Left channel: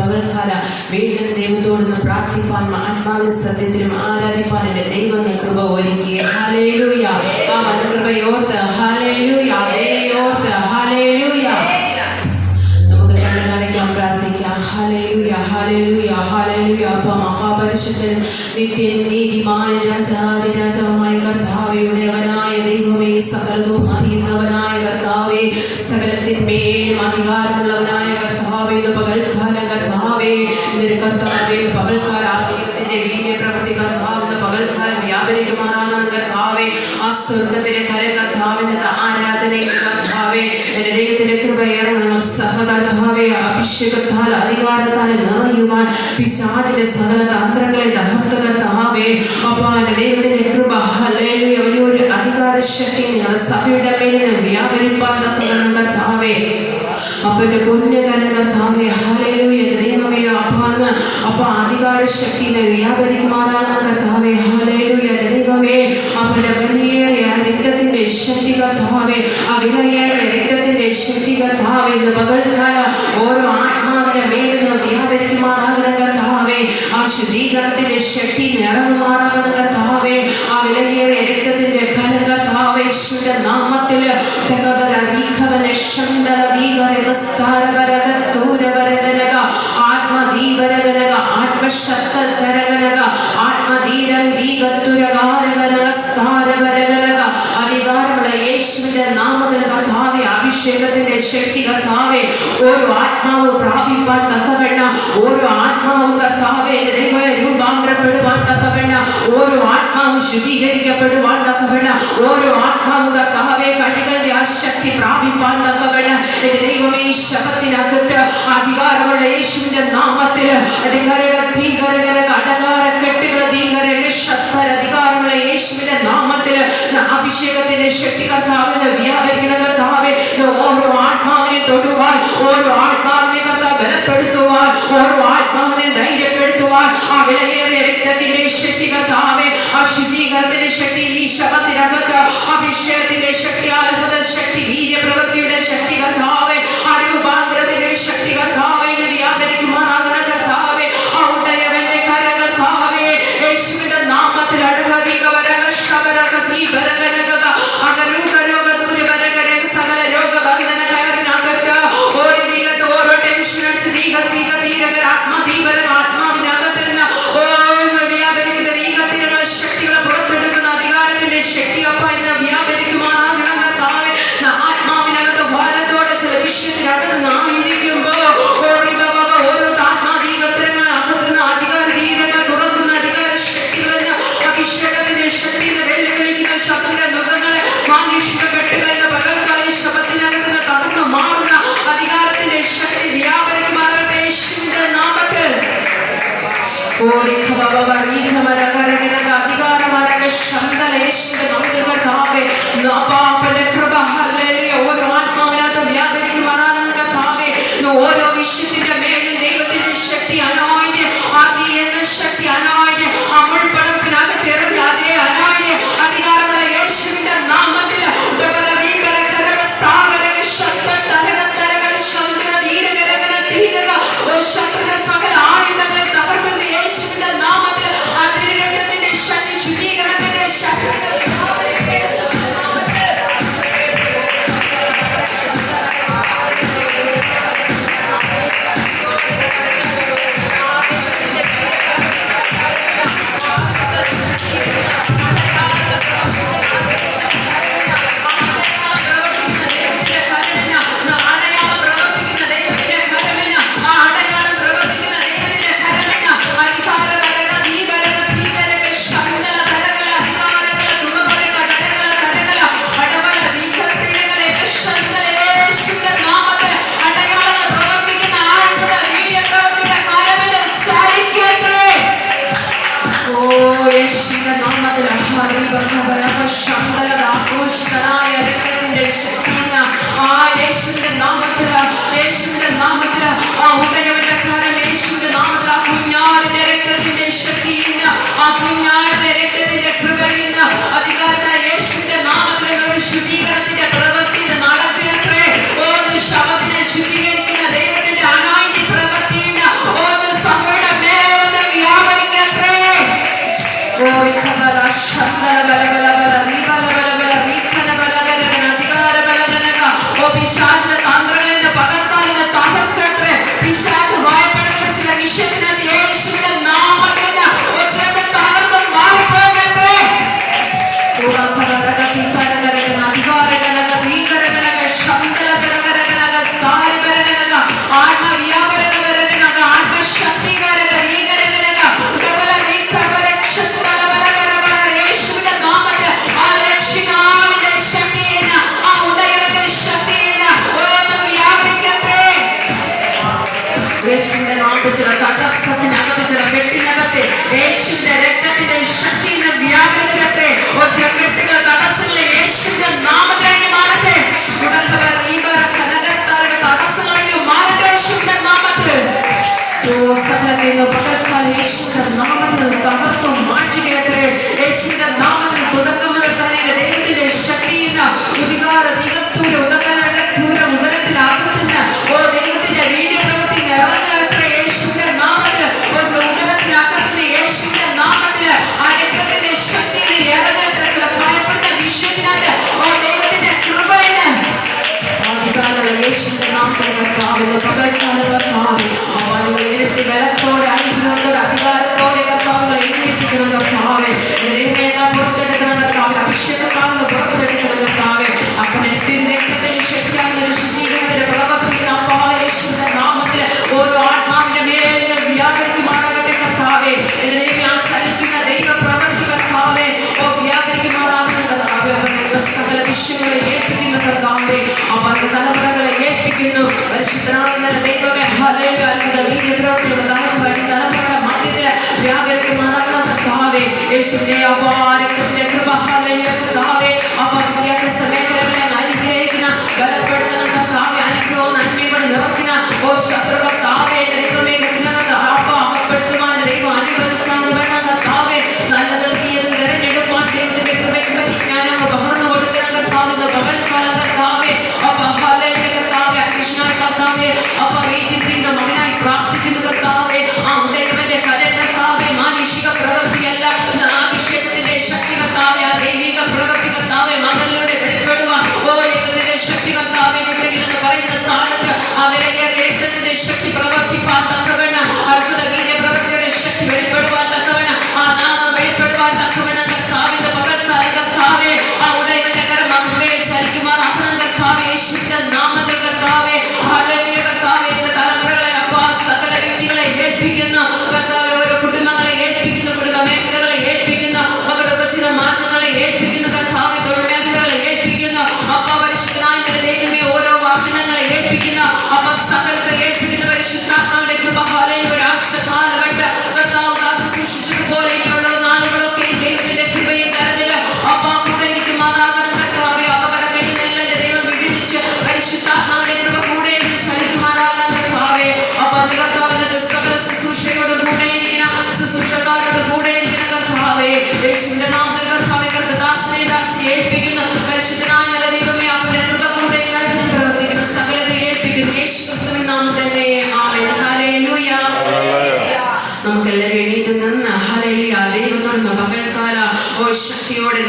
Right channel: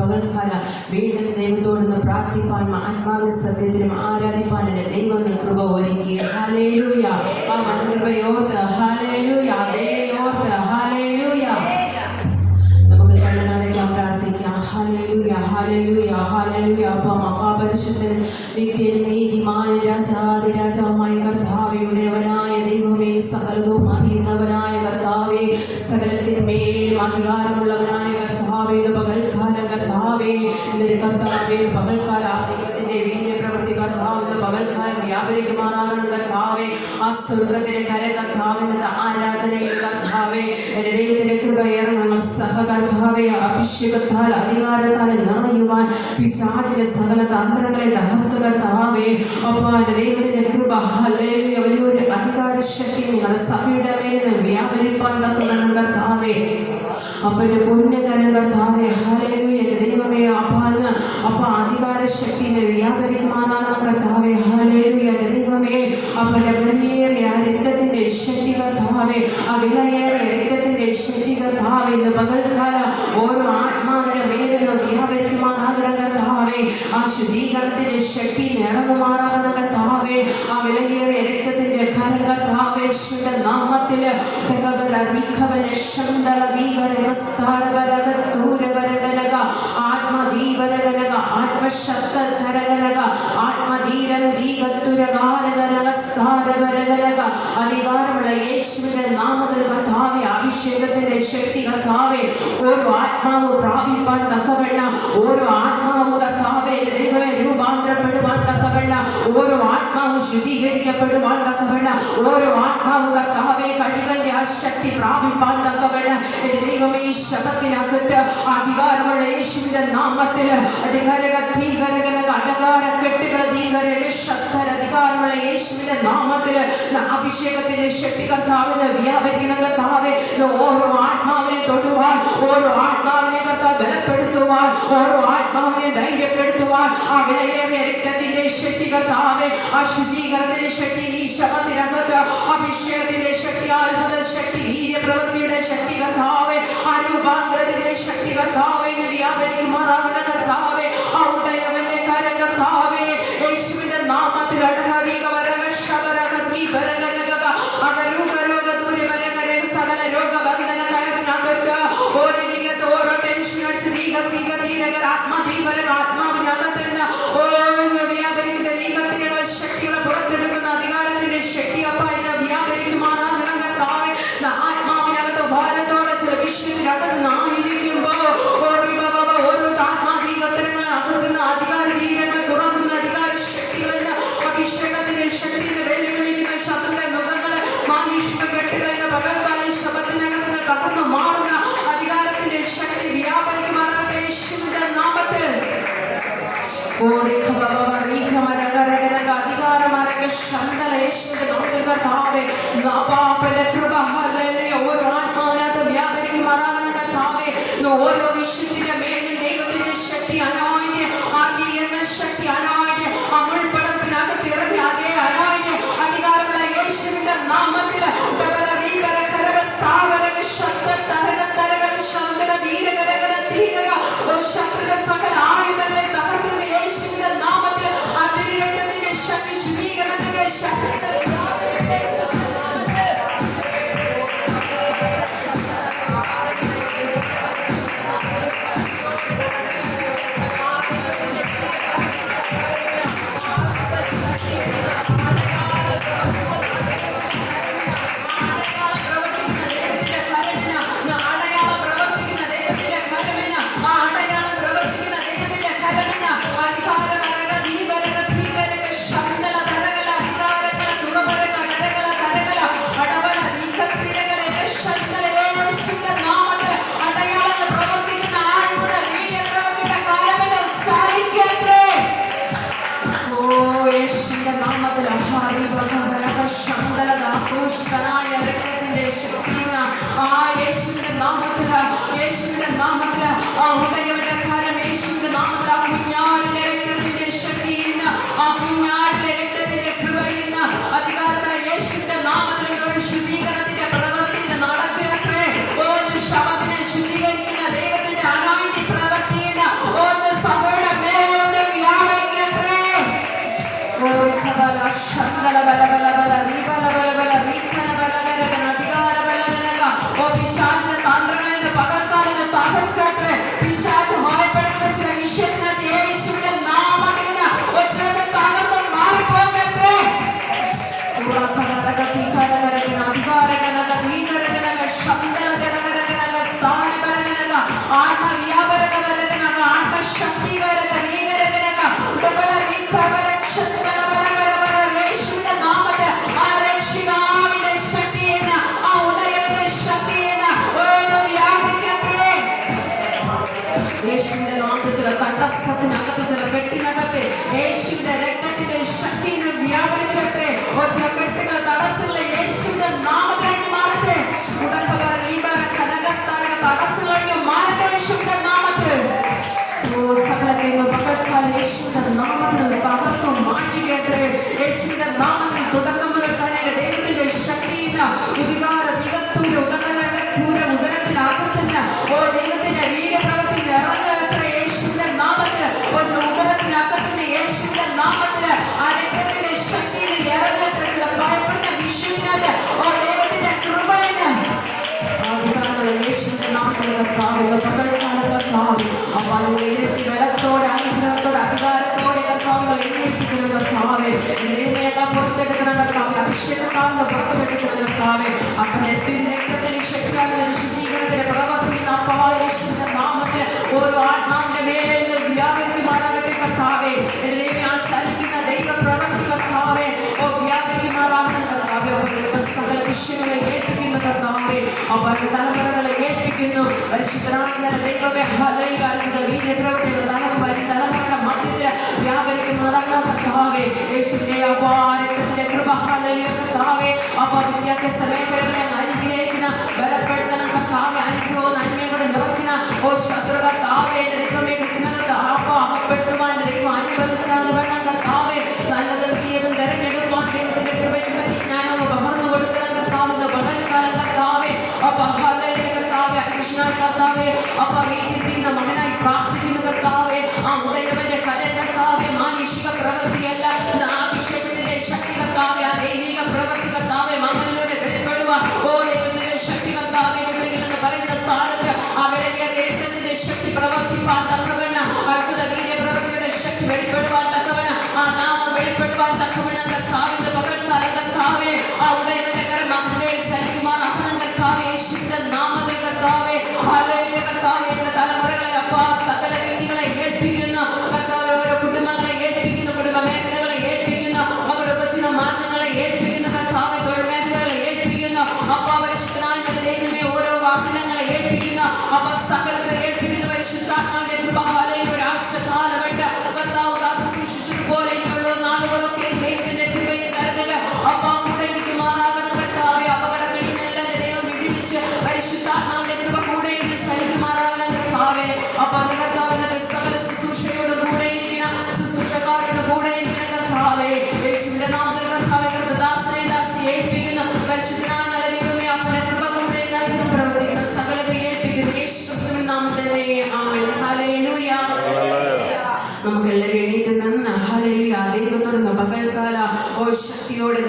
പകൽക്കാല വീണ്ടും ദൈവത്തോടൊന്ന് പ്രാർത്ഥിപ്പാൻ ആത്മാവിന് സത്യത്തിലും ആരാധിപ്പാൻ എൻ്റെ ദൈവം കൃപ ഒരുക്കി. ഹല്ലേലൂയ. ആ കൃപയോർത്ത് ഹല്ലേലൂയ, ദൈവയോർത്ത് ഹല്ലേലൂയ. നമുക്ക് കണ്ണടയ്ക്കാം, പ്രാർത്ഥിക്കാം. ഹല്ലേലൂയ, ഹല്ലേലൂയ, ഹല്ലേലൂയ. മഹാപരിശുദ്ധൻ, നിത്യൻ, നീതിമാൻ, രാജാതിരാജമായ കർത്താവേ, ഉടയവനായ ദൈവമേ, സകലതും അറിയുന്നവനായ കർത്താവേ, സകലത്തിന്മേലും അധികാരമുള്ളവനായ കർത്താവേ, ഇത് പകൽക്കാലം കർത്താവേ, ഇന്നൊരു കർത്താവേ, പകൽക്കാല ദൈവത്തിന്റെ വീര്യപ്രവൃത്തി കർത്താവ് പകൽക്കാലം വ്യാപരിക്കുമാറാകണം കർത്താവേ. ആ സ്വർഗത്തിലെ കര കർത്താവിന്റെ ആരാധനയിൽ കർത്താവേ, എന്റെ ദൈവത്തിന്റെ കൃപയേറണം സഹകർത്താവേ. അഭിഷേകത്താൽ അധികാരത്താൽ നിറയുവാൻ പിശാചിന്റെ സകല തന്ത്രങ്ങളെ തകർത്ത് കർത്താവേ. അപ്പാ എന്റെ ദൈവത്തിന്റെ കൃപ ഹല്ലേലൂയ, വലിയൊരു അധികാര ശക്തി നിങ്ങളുടെ സഭയുടെ മേലിൽ വ്യാപരിപ്പാൻ തക്കവണ്ണം കർത്താവേ. അപ്പന്റെ പുണ്യകരം കർത്താവേ, ഹല്ലേലൂയ, എന്റെ ദൈവമേ. അപ്പ അധികാര ശക്തിയെ വ്യാപരിക്കുമാറാകണം കർത്താവേ, ഹല്ലേലൂയ, എന്റെ ദൈവമേ. അപ്പന്റെ വലിയേറിയ രക്തത്തിന്റെ ശക്തി കർത്താവേ, ആ വിലയേറിയ രക്തത്തിന്റെ ശക്തി കർത്താവേ, ഇന്ന് പകൽക്കാലം ഓരോ ആത്മാവിന്റെ മേലിൽ വ്യാപരിക്കുമാറാകണം കർത്താവേ. ആ ശുദ്ധീകരണത്തിന്റെ ശക്തി നിറങ്ങുമാറാകണം കർത്താവേ. ആ വിലയേറിയ രക്തത്തിന്റെ കരം കർത്താവേ, യേശുവിന്റെ നാമത്തിൽ ആത്മദീപരകനക ആത്മശക്തരകനക ആത്മധീരം ദീകത്തുരകാരകനക സ്ഥാരപരകനക അധികാരമുള്ള യേശുവിന്റെ നാമത്തിൽ കർത്താവേ, അഭിഷേകത്തിന്റെ ശക്തി കർത്താവേ, ഓരോ ആത്മാവ് പ്രാപിപ്പാൻ തക്കവണ്ണം, ഓരോ ആത്മാവും കർത്താവേ ദൈവമേ രൂപാന്തരപ്പെടുവാൻ തക്കവണ്ണം, ഓരോ ആത്മാവും ശുദ്ധീകരിക്കപ്പെടുവാൻ തക്കവണ്ണം, ഓരോ ആത്മാവും കർത്താവേ കഴുകന്റെ ആ ശക്തി പ്രാപിപ്പാൻ തക്കവണ്ണം എന്റെ ദൈവമേ, ഈ ശബത്തിനകത്ത് അധികാരമുള്ള യേശുവിന്റെ നാമത്തിൽ അധികാരമുള്ള യേശുവിന്റെ നാമത്തിൽ അഭിഷേകത്തിന്റെ ശക്തി കർത്താവിന് വ്യാപരിക്കണം കർത്താവേ. ഓരോ ആത്മാവിനെ തൊടുവാൻ, ഓരോ ആത്മാവിനെ കർത്താവ് ബലപ്പെടുത്തുവാൻ, ഓരോ ആത്മാവിനെ ധൈര്യപ്പെടുത്തുവാൻ ആ വിലയേറിയ രക്തത്തിന്റെ ശക്തി കർത്താവേ, ആ ശുദ്ധീകരണത്തിന്റെ ശക്തി ഈ ശബത്തിനകത്ത് അഭിഷേകത്തിന്റെ ശക്തി, അത്ഭുത ശക്തി, വീര്യപ്രവൃത്തിയുടെ ശക്തി കർത്താവേ, ആ രൂപാന്തരത്തിന്റെ ശക്തി കർത്താവേ വ്യാപരിക്കുമാറാകുന്ന കർത്താവേ, ആ ഉടയവന്റെ കരം കർത്താവേ, യേശുവിന്റെ നാമത്തിൽ സകല രോഗബന്ധനകരനകത്ത് ഓരോ ടെൻഷൻ ആത്മാവിനകത്ത് നിന്ന് വ്യാപരിക്കുന്ന ദൈവത്തിനുള്ള ശക്തികളെ പുറത്തെടുക്കുന്ന അധികാരത്തിന്റെ ശക്തിയൊപ്പം ഇന്ന് വ്യാപരിക്കുമാറാകണം കർത്താവേ. ആത്മാവിനകത്ത് ഭാരത്തോടെ ചില വിഷയത്തിനകത്ത് നായിരിക്കുമ്പോ ഓരോ ആത്മാദീപത്രങ്ങൾ അകത്തുന്ന അധികാര ദീപങ്ങൾ തുറക്കുന്ന അധികാര ശക്തികളെന്ന് അഭിഷേകത്തിന്റെ ശക്തി വെല്ലുവിളിക്കുന്ന ശബ്ദത്തിന്റെ മുഖങ്ങളെ മാനുഷിക കെട്ടുകളെന്ന് പകർത്താൽ ഈ ശബ്ദത്തിനകത്ത് നിന്ന് തകർന്നു മാറുന്ന അധികാരത്തിന്റെ ശക്തി വ്യാപരിക്കുമാറാകട്ടെ യേശുവിന്റെ നാമത്തിൽ. അധികാരമാരക ശബ്ദ യേശുവിന്റെ നാമത്തിൽ കർത്താവേ, കൃപ ഹല്ലേലൂയ, ഓരോ ആത്മാവിനകത്ത് വ്യാപരിക്കുമാറാകണം കർത്താവേ. ഓരോ വിഷയത്തിന്റെ മേലിൽ ദൈവത്തിന്റെ ശക്തി അനായിന് എന്ന ശക്തി അനായിന് അമുൾപ്പടപ്പിനകത്ത് ഇറങ്ങി അതേ അനായിന് അധികാരമുള്ള യേശുവിന്റെ നാമത്തിൽ ശത്രുവിന്റെ സകല ആയുധങ്ങളെ തകർക്കുന്ന യേശുവിന്റെ നാമത്തിൽ അതിരക്തത്തിന്റെ ശക്തി, ശുദ്ധീകരണത്തിന്റെ ശക്തി യേശുവിന്റെ നാമത്തിൽ ചില തടസ്സത്തിനകത്ത്, ചില കെട്ടിനകത്തെ യേശുവിന്റെ രക്തത്തിന്റെ ശക്തി വ്യാപരിക്കട്ടെ. ചില കെട്ടുകൾ, തടസ്സങ്ങളെ യേശുവിന്റെ നാമത്തിൽ മാറട്ടെ. തടസ്സങ്ങൾ മാറട്ടെ യേശുവിന്റെ നാമത്തിൽ. സകലത്തെ പകർത്താൻ യേശുവിന്റെ നാമത്തിൽ തകർത്തു മാറ്റുകയത്രേ. യേശുവിന്റെ നാമത്തിൽ തുടക്കം മുതൽ തന്നെ ദൈവത്തിന്റെ ശക്തിയിൽ ഉദികാര ദിഗത്തൂര് ഉദരത്തിലാകുന്ന ദൈവത്തിന്റെ വീര്യപ്രവൃത്തി ഇറങ്ങുകയത്രേ. യേശുവിന്റെ നാമത്തിൽ ഉദരത്തിനകത്തുന്ന യേശുവിന്റെ നാമത്തിൽ ആ രക്തത്തിന്റെ ശക്തിയിൽ ഇറങ്ങുകയത്രേ. ചില ഭയപ്പെടുന്ന വിഷയത്തിനകത്ത് ദൈവത്തിന്റെ കൃപയിന് യേശുവിന്റെ നാമത്തിൽ കർത്താവിന്റെ പകർത്താന കർത്താവ് അവരുടെ ഇരട്ടി ബലത്തോടെ, അനുഗ്രഹത്തോടെ, അധികാരത്തോടെ കർത്താവുകളെ എഴുന്നേൽപ്പിക്കുന്ന കർത്താവെ, ദൈവമേക്കാൾ പുറത്തെടുക്കുന്ന കർത്താവ്, അഭിഷേകത്താവുന്ന പുറത്തെടുക്കുന്ന കർത്താവെ, അപ്പനത്തിന്റെ രക്തത്തിന്റെ ശക്തിയാകുന്ന ശുദ്ധീകരണത്തിന്റെ പ്രവർത്തിക്കുന്ന അപ്പാ യേശുവിന്റെ നാമത്തിൽ ഓരോ ആത്മാവിന്റെ മേലെ വ്യാപരിക്കുമാറാകട്ടെ കർത്താവെ. എന്റെ ദൈവം ഞാൻ ചലിക്കുന്ന ദൈവ പ്രവർത്തി കർത്താവെ വ്യാപരിക്കുമാറാകുന്ന കർത്താവെ. അവരുടെ സകല വിഷയങ്ങളെ ഏൽപ്പിക്കുന്ന കർത്താവെ, അവരുടെ തലമുറകളെ ഏൽപ്പിക്കുന്നു. പരിശുദ്ധനാകുന്ന ദൈവമേ, ഹല്ലേലൂയ. അത്ഭുത വീര്യപ്രവൃത്തികൾ തലമുറയുടെ മധ്യത്തിൽ വ്യാപരിക്കുമാറാകുന്ന കർത്താവെ, യേശുവിന്റെ അപാരത്തിന്റെ കൃപ, ഹല്ലേലൂയ കർത്താവെ. വിദ്യാഭ്യാസ മേഖലകളെ അനുഗ്രഹിക്കുന്ന, ബലപ്പെടുത്തുന്ന കർത്താവെ, അനുഗ്രഹവും നന്മയോടെ നിറയ്ക്കുന്ന ശത്രു കർത്താവെ, ദൈവമേ അകപ്പെടുത്തുവാൻ ദൈവം അനുവദിക്കാതെ വേണം കർത്താവെ. നല്ലതും തീയതും തെരഞ്ഞെടുപ്പാൻ ദൈവത്തിന്റെ കൃപയും പരിജ്ഞാനം പകർന്നു കൊടുക്കുന്ന കർത്താവിന്റെ പകൽക്കാലം കർത്താവെ, കർത്താവെ അന്വേഷണായി കർത്താവെ, വീട്ടിലിരുന്ന മകനായി പ്രാർത്ഥിക്കുന്ന കർത്താവെ, ദൈവന്റെ കരം കർത്താവെ, മാനുഷിക പ്രവൃത്തിയല്ല, അഭിഷേകത്തിന്റെ ശക്തി കർത്താവെ, ദൈവിക പ്രവൃത്തി കർത്താവെ, മകളിലൂടെ വെളിപ്പെടുക. ദൈവത്തിന്റെ ശക്തി കർത്താവെ എന്ന് പറയുന്ന സ്ഥാനത്ത് അവരെ രക്തത്തിന്റെ ശക്തി പ്രവർത്തിപ്പാൻ